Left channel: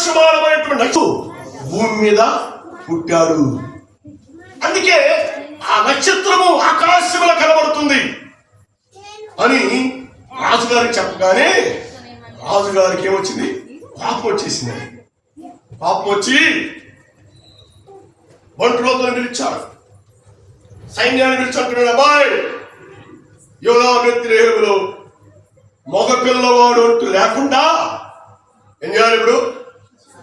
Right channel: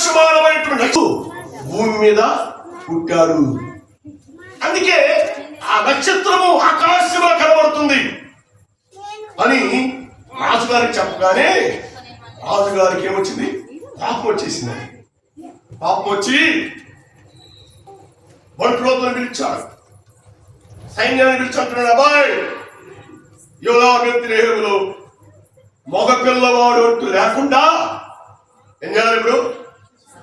ప్రకాశమానమైనటువంటి భూమి మీద పుట్టాడు. అందుకే ఆ నక్షత్రము ఆకాశంలో కనబడుతుంది. అని రాజుగారికి చెప్పగానే రాజుగారికి ఏమొచ్చింది? పాపం వచ్చేసింది. పాపం వచ్చి బంటులతో పిలిచాడు సైన్యాన్ని పిలిచి అబ్బాయి యోగా వ్యతిరేకులు మగ పిల్లవాడు అంటూ లేకుండా ఏం చేయాలి ఇప్పుడు?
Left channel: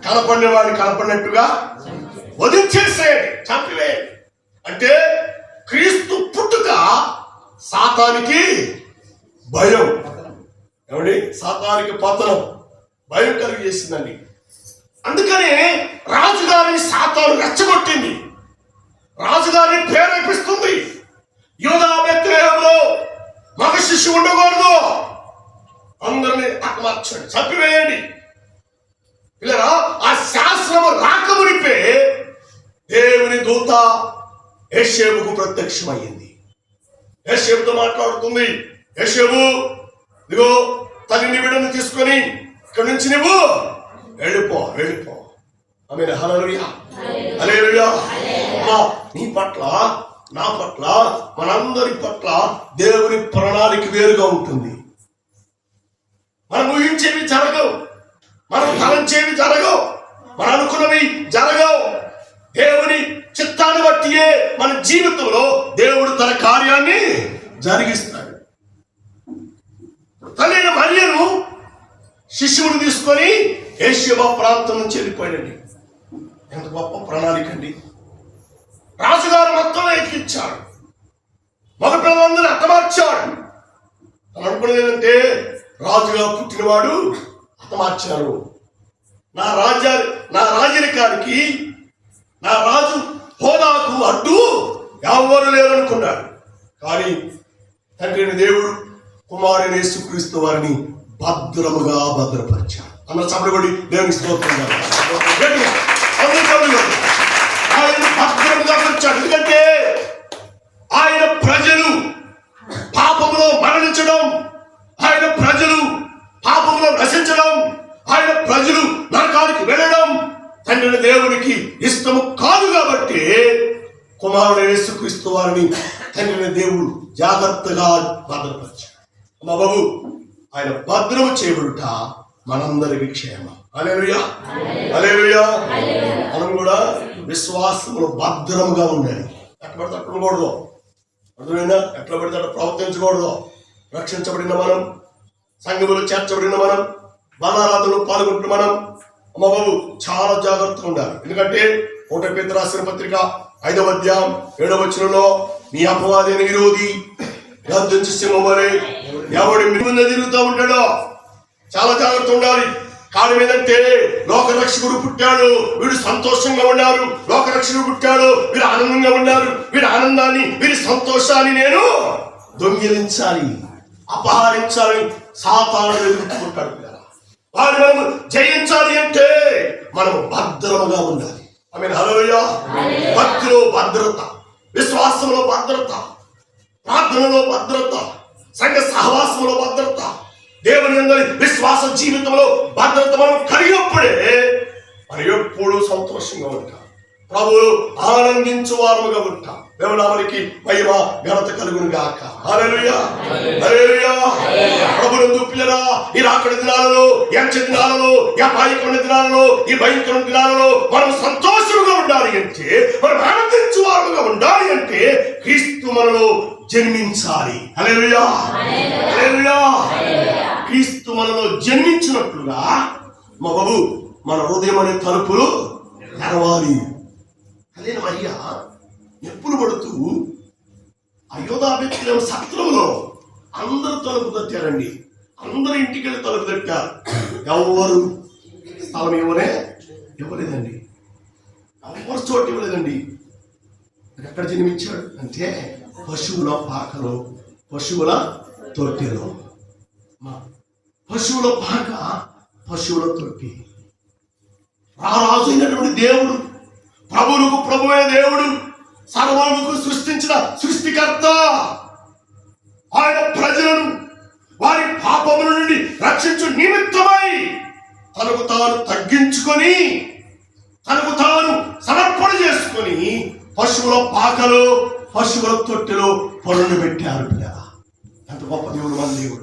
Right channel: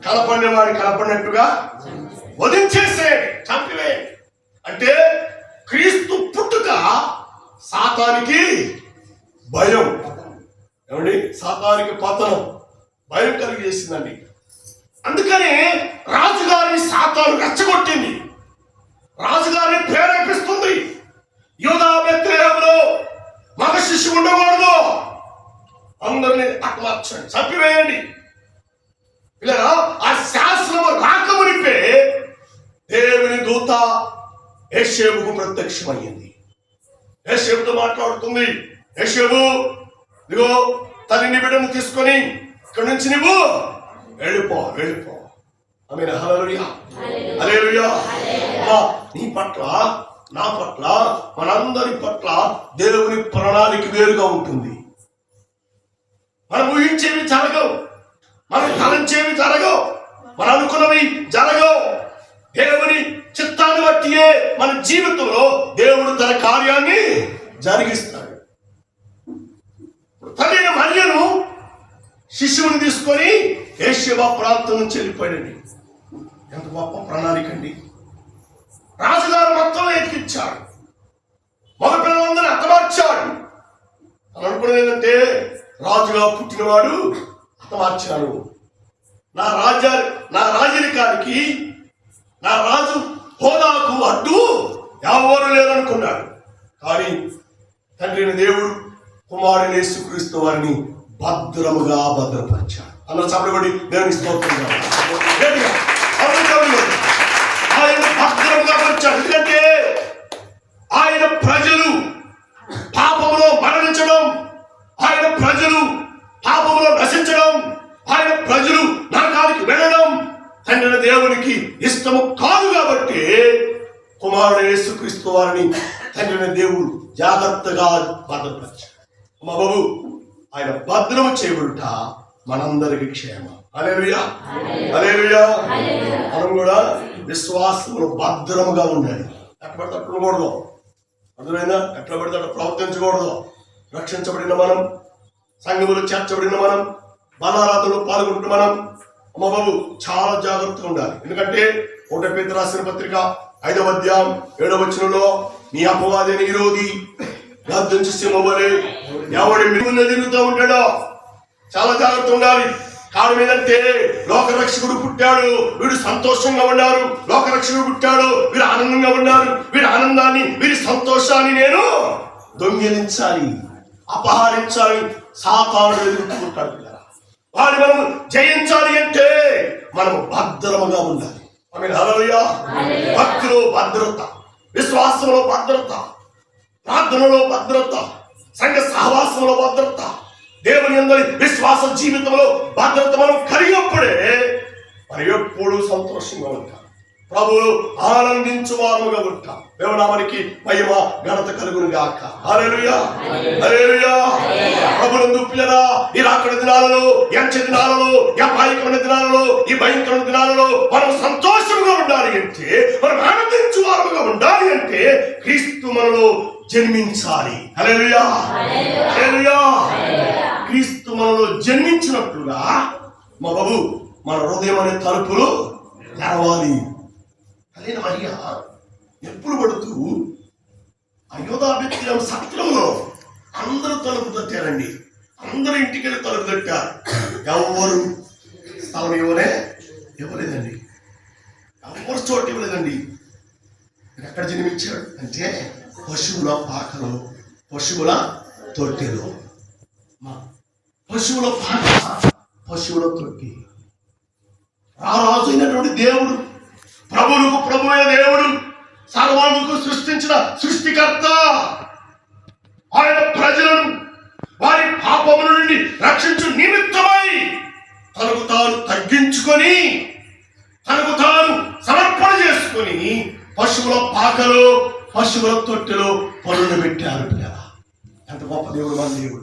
కలపడినవాడు కలపడినట్టుగా వదిలించేసే చంపివే అంటే క్రీస్తు పుట్టుక సాతానికి భయం. ఏమండి? సాతానికి పతనం. భయం కలిగేసిందండి అందుకనే రాజుగారిని సాతాను రెచ్చగొట్టింది. రాజుగారిని ప్రేరేపిస్తుంది. యూదా బెత్లెహేములో మగ శిశువు ఉండకూడదు. అందరిని అట్లా చంపివేయండి. ఇలా ఆ శాస్త్రము రాకమునిపే దేవుని దూత యశేబుకు ప్రత్యక్షమయ్యింది. యశేబుతో మాట్లాడుతుంది యశేబు ఇదిగో తల్లిని బిడ్డను తీసుకొని ఇక్కడి నుంచి నువ్వు వెళ్ళిపో వెళ్ళిపో. ఆమె హలలుయా హల్లెలూయా. అమ్మా నీ పట్ల నా పట్ల మనందరి పట్ల దేవుని ప్రణాళిక వేరుగా ఉంటుంది. మనం ఊహించేవి జరగవు. మనం తలంచేవి జరగవు. మనం అనుకున్నవి జరగవు. మన జీవితంలో దేవుడు తన కార్యాన్ని జరిగిస్తాడు. తల్లిన మరియను శిష్యుని తీసుకొని ఏషియా ప్రాంతం నుంచి వెళ్ళిపోయాడండి. ఎంత గొప్ప ప్రణాళిక అండి. రాజుగారు మొత్తం ఎక్కించాడు. మగ పిల్లలందరినీ హతమార్చాడు. అని అనుకున్నది ఏంటంటే రాజుగా పుట్టినవాడు హతమార్చారు నా రాజ్యా నా రాజరికానికి నా రాజు హోదాకు అడ్డు ఎవరు లేరనుకున్నాడు. కానీ తండ్రిని దేవుడు కుమారుని యేసుక్రీస్తు వారిని భద్రముగా భద్రపరిచాడు. అన్న చప్పటి దేవుని స్తోత్రం ఆయన భద్రముగా పరిచాడు ఎందుకంటే ఆయన ప్రజలు పాపములో మరణించడం ఆయన ప్రజలు పాపములో నశించడం ఆయన ప్రజలు నరకానికి వెళ్ళడం తండ్రి దేవునికి ఇష్టము కాదు కాబట్టి కుమారుడు యేసుక్రీస్తు వారిని తండ్రి దేవుడు జాగ్రత్తగా భద్రపరిచాడు. మా బాబు ఆయన భద్రము చేయబడుట మనందరికి క్షేమం. అలేలుయా అలేలుయా మనం కూడా విశ్వాసములు భద్రముగా ఉండాలి. ఎట్లా పడితే అట్లా ఉండకూడదు. అర్థమైందా? ఎట్లా పడితే అట్లా ప్రవర్తించకూడదు. రక్షించబడిన మనం సంఘములు చేర్చబడిన మనం బలారాధనలో పాల్గొంటున్న మనం అమ్మ చాలా జాగ్రత్తగా ఉండాలి. ఎందుకంటే ఒకటి పేద రాసిన పత్రిక ఐదవ అధ్యాయం ఏడవ వచనంలో మీ అపవాదైన విరోధి గర్జించి సింహమని ఎవడి మిమ్మల్ని తిరుగుతూ ఉంటాడో? చాలా జాగ్రత్త ఉండాలి. కారణం ఏంటంటే లోకరక్షకుడు పుట్టాడు వీడు సంతోషంగా ఉన్నారు. లోకరక్షకుడు పుట్టాడు వీరు ఆనందంగా ఉన్నారు. వీరి ఆనందాన్ని వీరి సంతోషాన్ని నేను దొంగిలించాలి అపహరించాలి. సాతాను ఎదుర్కొంటాడు పిల్లరా. మనం జయించాలి అంటే మనము భద్రముగా ఉండాలి. ఆమె భక్తిలో భద్రత విశ్వాసంలో భద్రత ప్రార్థనలో భద్రత సంఘ సహవాసంలో భద్రత దేవుని అందరి విశ్వాస జీవితంలో భద్రత మనం కలిగినప్పుడే మనం ఎప్పుడూ సంతోషంగా ఉంటాం. ప్రభువు ఆనందించు వారముగా ఉంటాం దేవనామనికి మహిమ ఘనత కలుగును గాక. హల్లెలూయా. హల్లెలూయా. ప్రభునందు పిల్లరా ఈ రాకడ దినాలలో ఎంచ దినాలలో ఈ అపాయకమైన దినాలలో ఈ భయంకరమైన దినాలలో మనం సంతోషముగా ఉండాలి అంటే మనం ఆనందించు వారముగా ఉండాలి అంటే క్రీస్తు మనలో జన్మించాలి. హల్లెలూయా. హల్లెలూయా. క్రీస్తు మనలో జన్మించినట్లుగా మా బాబు మన హృదయం అనే తలుపులు తెరవాలి. అదే మరియా ఎప్పుడు పడుతూ అయోధాభిత్యం సత్రంలో అందరూ తలుపు తచ్చారండి అందరూ ఇంటికి వెళ్ళి తలుపు తట్టారు ఎవరు? స్థలం ఇవ్వనే ఇవ్వలేదండి. ఎవరు చోటు ఇవ్వలేదండి. ఎక్కడ జన్మించాడు అంటే పశువుల పాకలో పశువుల తొట్టెలో. పశువుల పాక పశువుల తొట్టి. ఆ రాజు అయినటువంటి దేవుడు ప్రభువులకు ప్రభువైన దేవుడు సర్వాలకు సృష్టించిన సృష్టికర్త. ఆయన ప్రజలను వారి పాపముల నుండి రక్షించు నిమిత్తమై తనకు తాను తగ్గించుకొని తనకు తాను సమర్పణ చేసుకొని పశువుల పాకలో పశువుల తొట్టిలో పనులు పెట్టారు పిల్లరా ఎంత గొప్ప దేవుడు మన దేవుడు.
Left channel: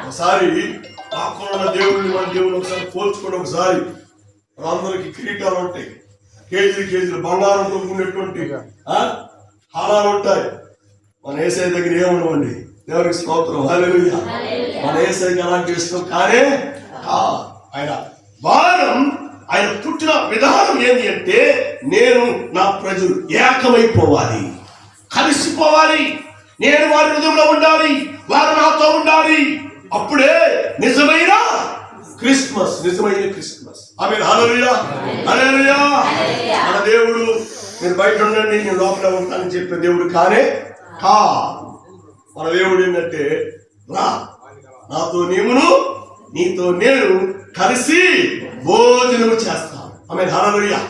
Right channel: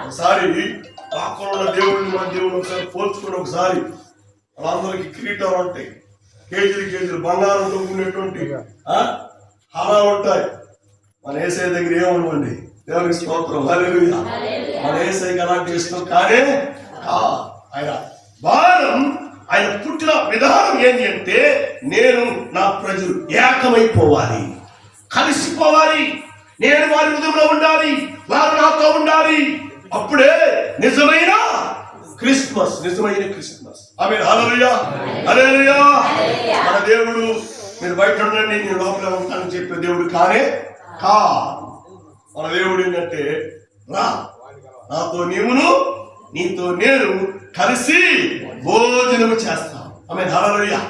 ఒకసారి ఉన్న దేవుడిని మన దేవుడు ఒకసారి పోల్చుకొని ఒకసారి వాళ్ళందరికీ కిరీటాలు ఉంటాయి. కేజీలు కేజీలు బంగారంతో ఉన్నటువంటి ఆ, హారాలు ఉంటాయి. మన ఏసఐ దగ్గర ఏముండవండి? దేవునికి స్తోత్రం. హల్లెలూయా. మన ఏసైకి అలాంటి ఇష్టం కానీ ఆ, ఆయన వారం ఆయన పుట్టిన విధానం ఏంటి అంటే నేను నా ప్రజలు ఏకమైపోవాలి. కలిసిపోవాలి. నేను వారి హృదయంలో ఉండాలి. వారు నాతో ఉండాలి. అప్పుడే నిజమైన క్రిస్మస్ నిజమైన క్రిస్మస్. ఆమె మన దేవుడు మీరు బయట ఉండండి నేను లోపల ఉంటానని చెప్పే దేవుడు కానే కా. మన దేవుడు ఏంటంటే రా. నాతో నీవును నీతో నేను కలిసి భోజనము చేస్తాం. ఆమె హల్లెలూయా.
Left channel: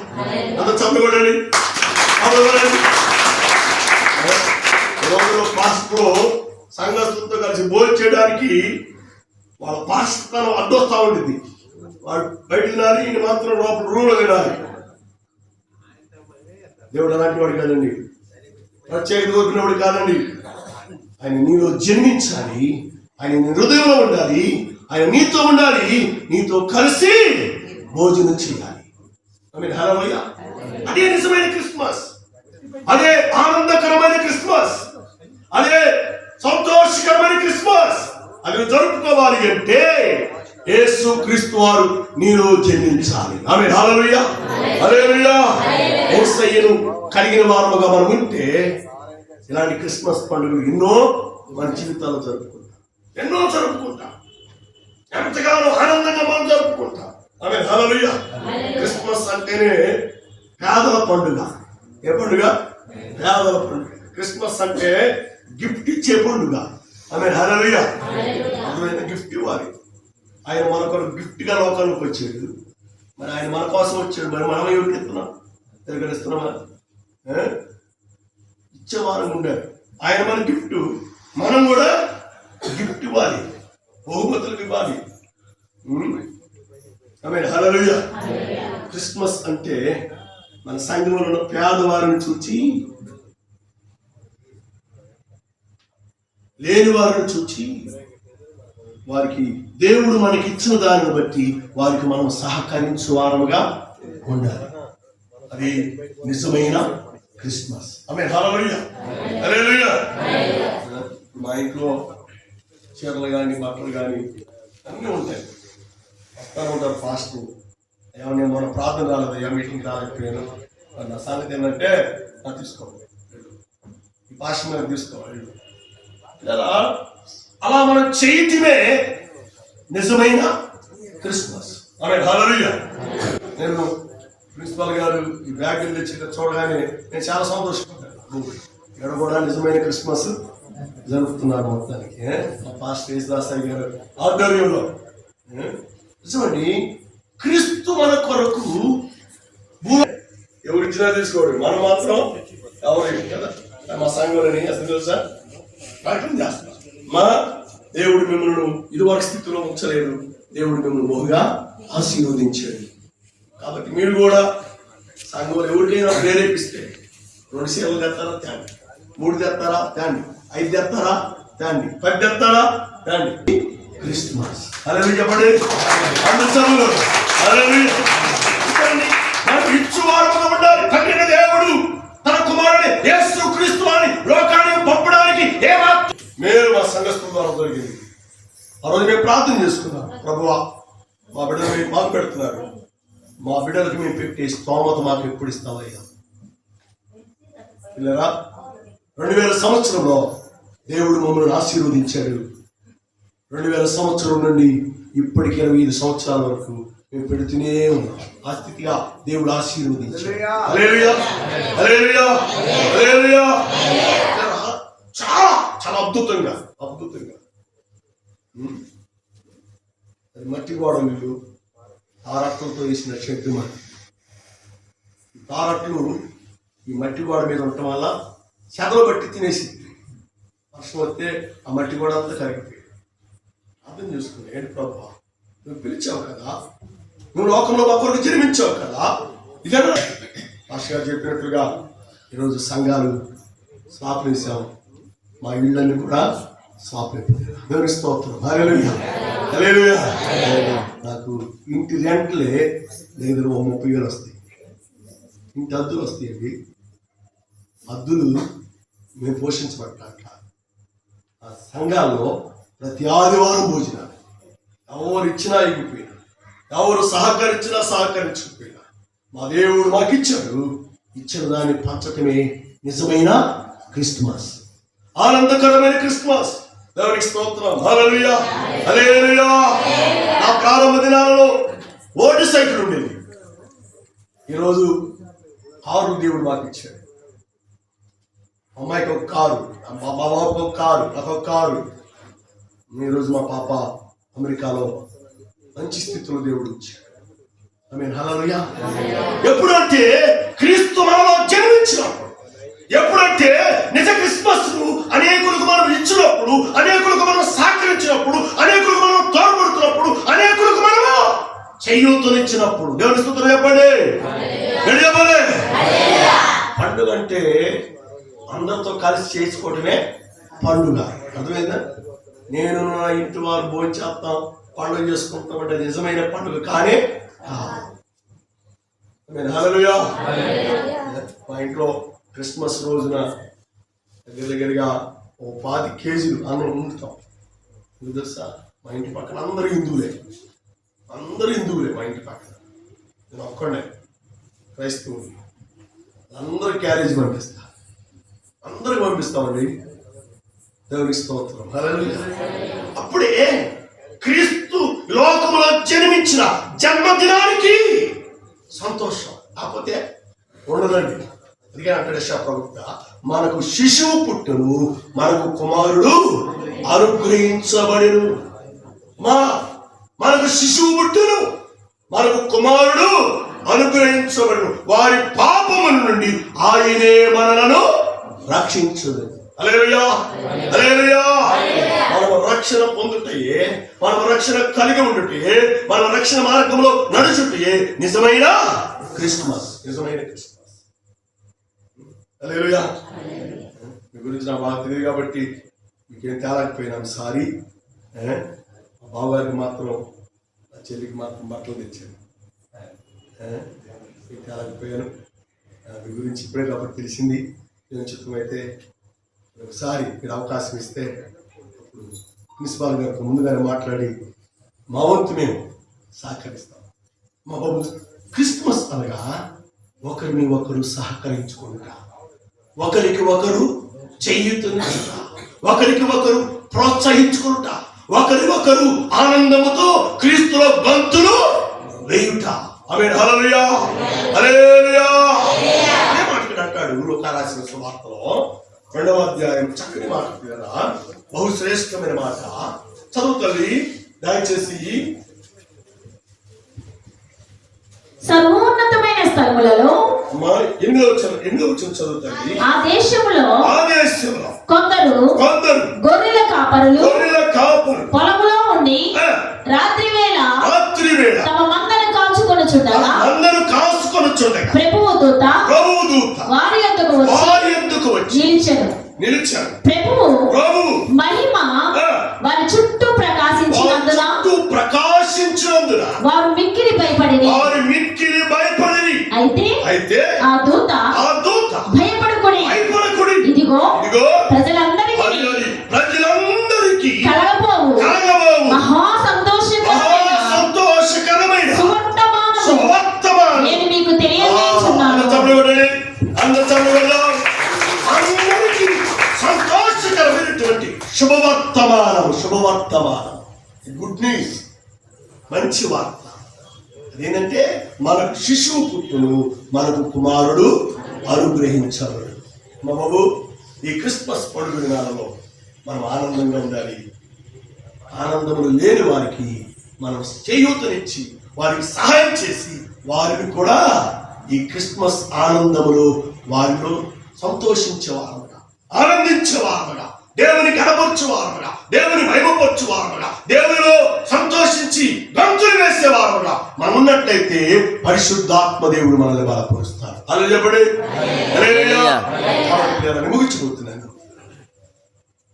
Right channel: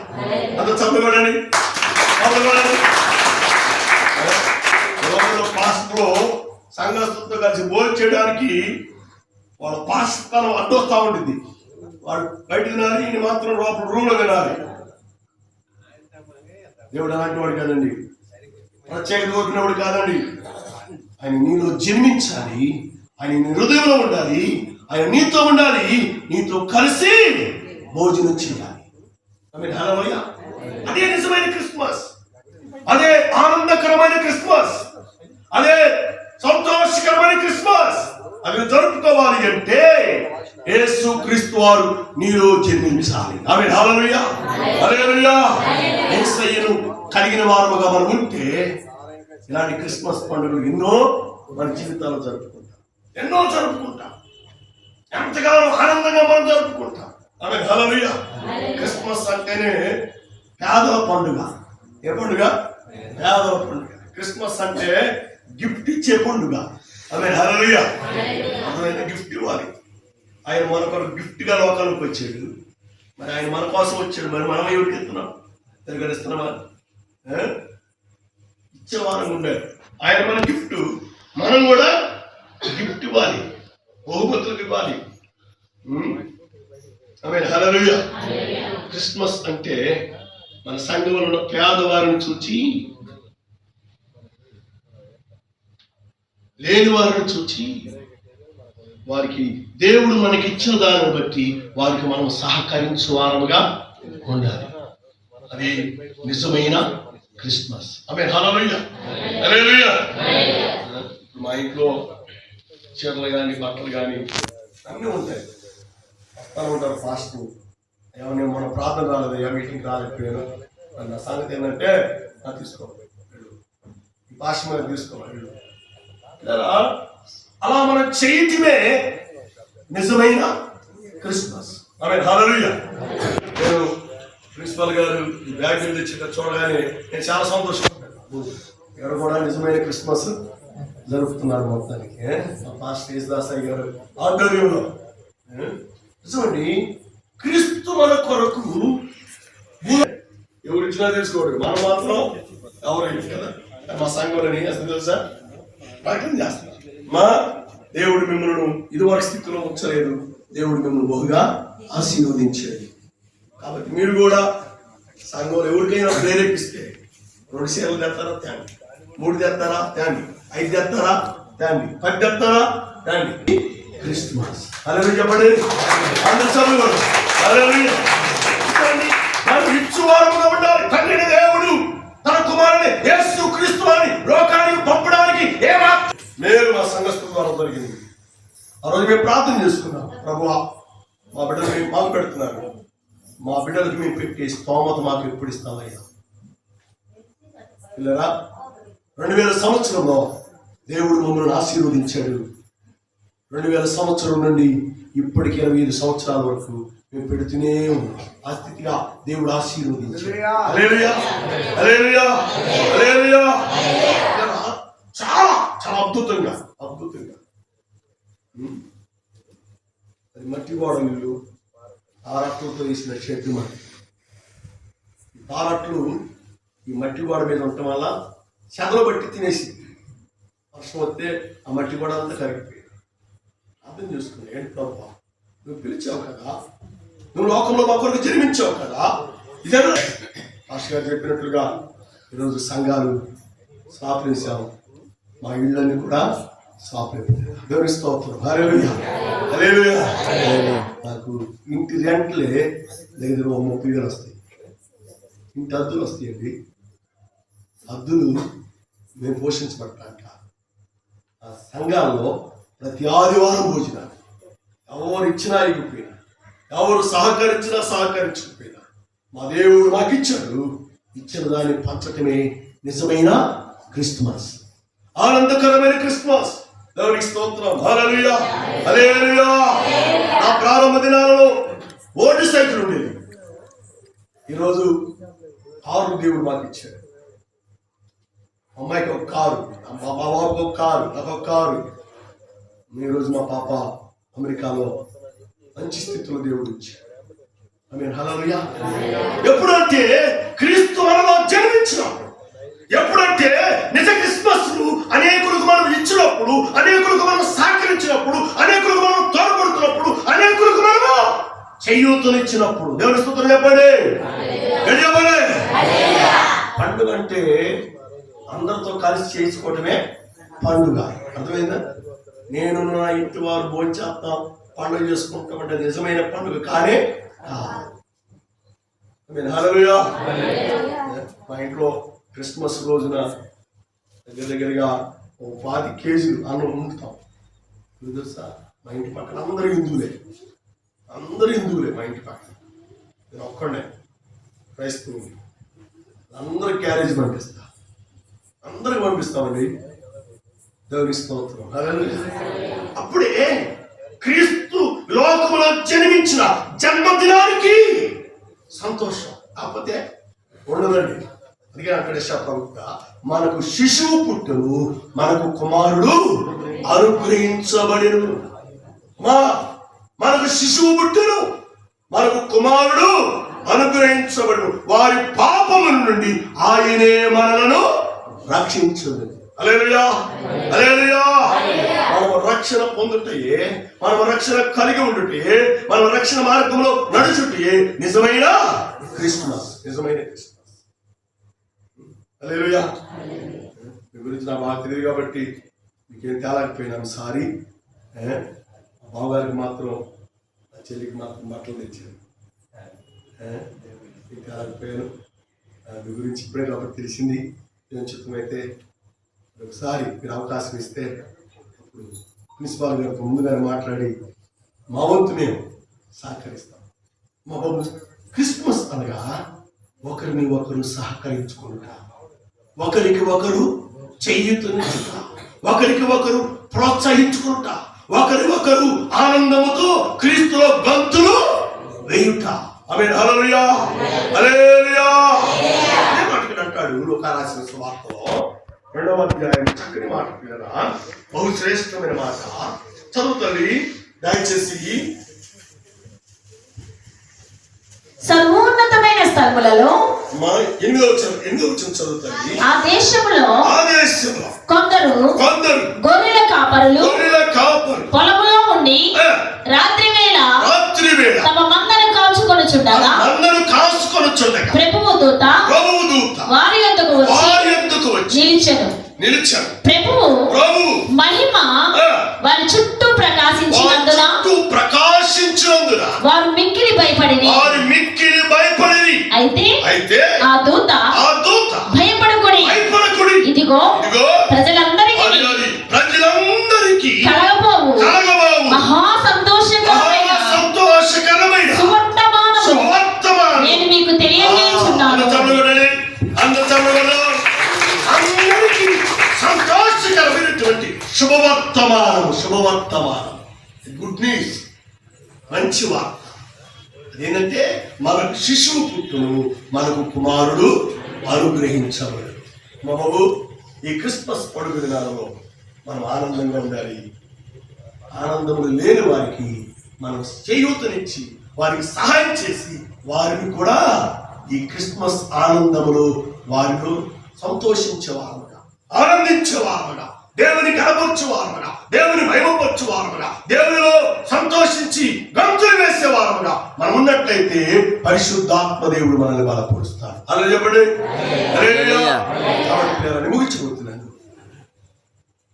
అంత చదువుకోండి రోజుల్లో పాస్టర్లు సంఘస్థులతో కలిసి భోజనం చేయడానికి వాళ్ళ పాస్తనం అడ్డొస్తా ఉంటుంది వాడు బయట తినాలి ఈయన మాత్రం లోపల రూమ్లో తినాలి. దేవుడు అలాంటి వాడు కాదండి. ప్రత్యేక కోరుకునేవాడు కాదండి. ఆయన నీలో జన్మించాలి ఆయన నీ హృదయంలో ఉండాలి ఆయన నీతో ఉండాలి నీతో కలిసి భోజనం చేయాలి. అదే నిజమైన క్రిస్మస్. అదే ఆనందకరమైన క్రిస్మస్. అదే సంతోషకరమైన క్రిస్మస్. అవి జరుపుకోవాలి అంటే యేసు క్రీస్తు వారు నీలో జన్మించాలి. ఆమె హల్లెలూయా. హల్లెలూయా. యేసయ్యను కలిగిన వారముగా మనం ఉంటే ఇలాంటి క్రిస్మస్ పండుగలు ఎన్నో మన జీవితాలు జరుపుకుంటాం. ఎన్నో జరుపుకుంటాం. ఎంతగానో ఆనందంగా మనం జరుపుకుంటాం. ఆమె హల్లెలూయా. క్రిస్మస్ అంటేనే పేదల పండుగ. ఏ పండుగ? పేదల పండుగ. క్రిస్మస్ అంటే గిఫ్ట్ ఇచ్చే పండుగ. ఆమె అర్థమైన గిఫ్ట్ ఇవ్వాలి. ఆయన మన కొరకు గిఫ్ట్గా లోకానికి వచ్చాడు. మరి ఆయన మన కోసం వచ్చాడు. మరి మనం ఎవరికి ఎత్తున్నాం తిరగడిస్తున్నామా ఇచ్చేవారం ఉండాలి. ఆయన మన గిఫ్ట్. మనం కూడా గిఫ్ట్ ఇవ్వాలి. బహుమతులకు ఇవ్వాలి. ఆమె క్రిస్మస్ అంటే మన సంఘంలో ఉన్న పేదవారిని చూచి లేని వారిని చూచి వారికి దేవుడు మనకి ఇచ్చిన దానిని బట్టి వారికి మనం సహకరించు వారముగా ఉండాలి. అది నిజమైన క్రిస్మస్. ఆమె మా ఇంట్లో చీరలు కానీ బట్టలు కానీ అన్నీ ఉంటాయి. వస్తూ ఉంటారు ఫాస్ట్. ఏమన్నా మన ప్రార్థన రాలేదు. ఏ మీటింగ్ రాలేకపోయాను. నా సంగతి ఏంటంటే నా తీసుకో. భాష మీద తీసుకోవాలి. ఇలా అలా మనం చేయటమే నిజమైన క్రిస్మస్. ఆమె హల్లెలూయా నేను ప్రిన్సిపల్ గారు ఈ బ్యాగ్ తెచ్చి చూడగానే నేను చాలా సంతోషపడ్డాను. ఇక్కడ కూడా నిజమైన క్రిస్మస్ జరుపుతున్నారు మొత్తానికి ఏ? మా పాస్టర్ గారు ఆధ్వర్యంలో. చూడండి క్రీస్తు మన కొరకు ఎవరిచ్చినా ఎవరు తీసుకోడు మనం మాత్రం ఎవరు కదా? మా సంఘంలోని అసలు తెలుసా? ప్రకటన చేస్తున్నారు. మా దేవుడు మిమ్మల్ని ఇదివరకు స్థితిలో ఉంచలేదు. దేవుడు మిమ్మల్ని బహుగా ఆశీర్వదించాడు. కాబట్టి మీరు కూడా సంఘంలో ఎవరికైనా ప్రేరేపిస్తే రెండు సేవలు తెస్తారా తేండి. మూడు తెస్తారా తేండి. ఐదు తెస్తారా తేండి. పది తెస్తారా తేండి. క్రిస్మస్ అలా చెప్పండి. అందరు చదువు మేలు మా సంఘస్థుల ద్వారా దొరికింది ఆ రోజు మేము ప్రార్థన చేసుకున్నాం. ప్రభువా మా బిడ్డలు మేము మాకు పెడుతున్నారు. మా బిడ్డలకు మేము పెట్టే స్తోమత మాకు ఎప్పుడు ఇస్తావయ్యా? పిల్లరా రెండు వేల సంవత్సరంలో దేవుడు మమ్మల్ని ఆశీర్వదించాడు. రెండు వేల సంవత్సరం నుండి ఇప్పటికి ఇరవై ఐదు సంవత్సరాల వరకు మేము పెడుతూనే ఉన్నాం. ఆ స్థితిగా దేవుడు ఆశీర్వదించాడు. చాలా అద్భుతంగా అద్భుతంగా. అది మట్టి గోడలు తారట్లతో వేసిన చెట్టు మట్టి. ఈ తారట్లు ఈ మట్టి గోడ మీద ఉండటం వల్ల చెదలు బట్టి తినేసి వర్షం వస్తే ఆ మట్టి గోడ అంతా కరిగిపోయింది. అర్థం చేసుకుని ఏంటి ప్రభు? నువ్వు పిలిచావు కదా? నువ్వు లోకంలో మా కొరకు జన్మించావు కదా? ఇదే భాష గారు చెప్పినట్లుగా ఈరోజు సంఘాలు స్థాపించావు మా ఇళ్ళని కూడా స్థాపించాం దేవుని స్తోత్రం. హల్లెలూయా. నాకు ఇంటి రెంట్లే దగ్గర ఓ ముప్పై వేలు వస్తాయి. ఇంటి అద్దులు వస్తాయండి. అద్దులు మేము పోషించబడ్డ ఆ సంఘాల్లో ప్రతి ఆదివారం భోజనాలు. ఎవరు ఇచ్చినా ఇవ్వకపోయినా ఎవరు సహకరించినా సహకరించకపోయినా మా దేవుడు మాకు ఇచ్చాడు ఇచ్చిన దాన్ని పంచటమే నిజమైన క్రిస్మస్. ఆనందకరమైన క్రిస్మస్. దేవునికి స్తోత్రం. హల్లెలూయా. హల్లెలూయా. నా ప్రారంభ దినాలలో ఓటు సైకిల్ ఉండేది. ఈరోజు కారు దేవుడు మాకు ఇచ్చాడు అమ్మాయికి ఒక కారు మా బాబాకి ఒక కారు నాకు ఒక కారు. ఈరోజు మా పాప అమెరికాలో మంచి స్థితిలో దేవుడు ఇచ్చాడు ఐ మీన్ ఎప్పుడంటే క్రీస్తు మనలో జన్మించినప్పుడు ఎప్పుడంటే నిజ క్రిస్మస్ అనేకులకు మనం ఇచ్చినప్పుడు అనేకులకు మనం సహకరించినప్పుడు అనేకులకు మనం తోడ్పడుతున్నప్పుడు అనేకులకు మనము చేయూతనిచ్చినప్పుడు. దేవుని స్తోత్రం చెప్పండి. చెప్పండి. పండుగ అంటే అందరితో కలిసి చేసుకోవటమే పండుగ. అర్థమైందా? నేను నా ఇంటి వారు భోజనం చేస్తాం పండుగ చేసుకుంటాం అంటే నిజమైన పండుగ కానీ. మా ఇంట్లో క్రిస్మస్ రోజున దగ్గర దగ్గరగా ఓ పాతి కేజీలు అందులో వండుతాం ఎందుకు తెలుసా? మా ఇంటి పక్కన అందరూ హిందువులే. అందరూ హిందువులే మా ఇంటి పక్కన. నేను ఒక్కడే క్రైస్తవుని. అందరూ క్యారేజ్ పంపిస్తా. అందరికి పంపిస్తామండి దేవునికి స్తోత్రం. అప్పుడే క్రీస్తు లోకంలో జన్మించిన జన్మదినానికి సంతోషం. కాకపోతే ఉండదండి. అందుకే అంటాడు ప్రవక్త మనకు శిశువు పుట్టును మనకు కుమారుడు అనుగ్రహించబడిను. మా మనకు శిశువు పుట్టును మనకు కుమారుడు అనుగ్రహించబడును. వారి పాపముల నుండి ఆయనే మనలను రక్షించదు అలేలుయా అలేలుయా మనము రక్షణ పొందుటయే మనము రక్షణ కలిగి ఉండుటయే మన రక్షణ మార్గంలో నడుచుటయే నిజమైన క్రిస్మస్ నిజమైన క్రిస్మస్ మీ గురించి నాకు బాగా తెలియదు కాబట్టి మీకేం తేలకపోయినాను సారీ మా బావగారికి మాత్రం నా చెల్లికి మాత్రం బట్టలు తెచ్చాను తేలకపోయాను? ఆ, మీ గురించి ఇప్పుడే కాబట్టి తెలిసింది. చిత్తమైతే ఒకసారి మీరు అవకాశం ఇస్తే అప్పుడు ప్రిన్సిపాల్ గారితో ముందుగానే మాట్లాడి మా వంతు మేము సహకరిస్తాం. మా బాబు క్రిస్మస్ అనగా ఒకరిని ఒకరు సహకరించుకుంటా ఒకరికి ఒకరు చెయ్యుతుంటా ఒకరికి ఒకరు ప్రోత్సహించుకుంటా. ఒకరి ఒకరు ఆనందముతో క్రీస్తులో బంతులు వేయుట. అవే హలలుయా హలేలుయా అదే మాటకి అంటాడు అంటాడు లోకారాసిన సువార్తలో రెండవ అధ్యాయం చక్కని మాట వినరా? మాట. చదువు తల్లి దయచేసి సర్వోన్నతమైన స్థలములలో మా ఎనిమిదవ ఎనిమిదవ వచ్చిన చదువు తల్లి ఆ ఆదేశంలో కొందరు కొందరు గొర్రెల కాపరులు గొర్రెల కాపులు పొలములో ఉండి ఆ, రాత్రి వేళ రాత్రి వేళ తమ మందను కాచుకొనుచుండగా అందరూ కాసుకొని చుండగా ప్రభువు దూత ప్రభువు దూత వారి యొద్దకు వచ్చి వారి ఎందుకు వచ్చి నిలిచెను. నిలిచాడు ప్రభువు ప్రభువు మహిమ దూత ఆ దూత భయపడకుడి భయపడకుడి ఇదిగో ఇదిగో ప్రజలందరికీ ప్రజలందరికీ కలగబోవు. కలగబోవు. మహా సంతోషకరమైన సంతోషకరమైన సువర్తమానము. సువర్తమానం నేను మీకు తెలియజేస్తున్నాను. అందరికీ సంతోషకరమైనటువంటి శుభవర్తమానం శుభవర్తమానం గుడ్ న్యూస్ మంచి వార్త. ఏంటంటే మనకు శిశువు పుట్టును మనకు కుమారుడు అనుగ్రహించబడు. మా బాబు ఈ క్రిస్మస్ పండుగ దినాలలో మనం ఆనందంగా ఉండాలి. ఆనందములు లేని వారికి మనం చేయూతనిచ్చి వారికి సహాయం చేసి వారిని కూడా ఈ క్రిస్మస్ ఆనందములో వారిలో సంతోషించే వారముగా ఆనందించే వారముగా దేవునికి అనపరిచే వారముగా దేవుని మహిమపరచు వారముగా దేవునిలో సంతోషించి గంతు వేసే వారముగా మనం ఉన్నట్లయితే పరిశుద్ధాత్మ దేవుడు మనల్ని బలపరుస్తాడు. అలా చెప్పండి. కాబట్టి ప్రియులారా, ముగించబోతున్నాను.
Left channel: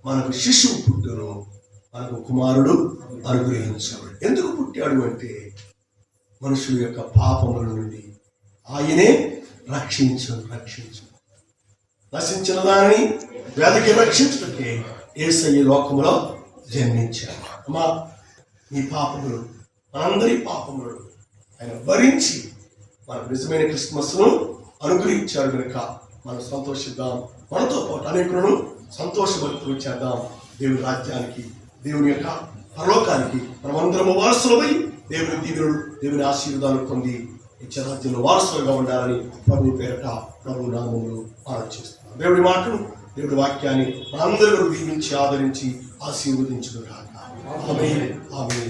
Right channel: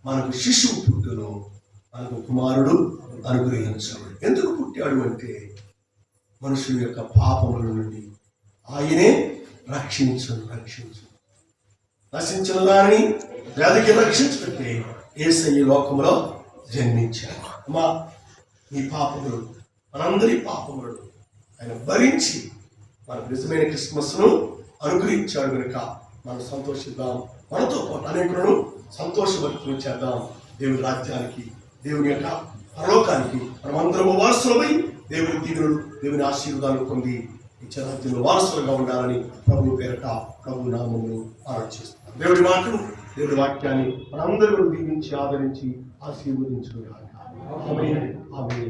మనకు శిశువు పుట్టును మనకు కుమారుడు అనుగ్రహించాడు ఎందుకు పుట్టాడు అంటే మనుషుల యొక్క పాపముల నుండి ఆయనే రక్షించు రక్షించు. నశించిన దానిని వ్యాధికి రక్షించుకుంటే ఏసయ్య లోకములో జన్మించాడు. అమ్మా ఈ పాపములు మనందరి పాపములను ఆయన భరించి మనకు నిజమైన క్రిస్మస్ను అనుగ్రహించాడు కనుక మనం సంతోషిద్దాం. మనతో పాటు అనేకులను సంతోషపడుతూ చేద్దాం. దేవుని రాజ్యానికి దేవుని యొక్క పరలోకానికి మనమందరము వారసులమై దేవుని దీవులు దేవుని ఆశీర్వాదాలు పొంది ఇచ్చరాజ్యంలో వారసులుగా ఉండాలని ప్రభు పేరట ప్రభు నామములు ఆలోచిస్తున్నాం దేవుడి మాటను దేవుడి వాక్యాన్ని మనందరూ దీవించి ఆదరించి ఆశీర్వదించుగాక ఆమె ఆమె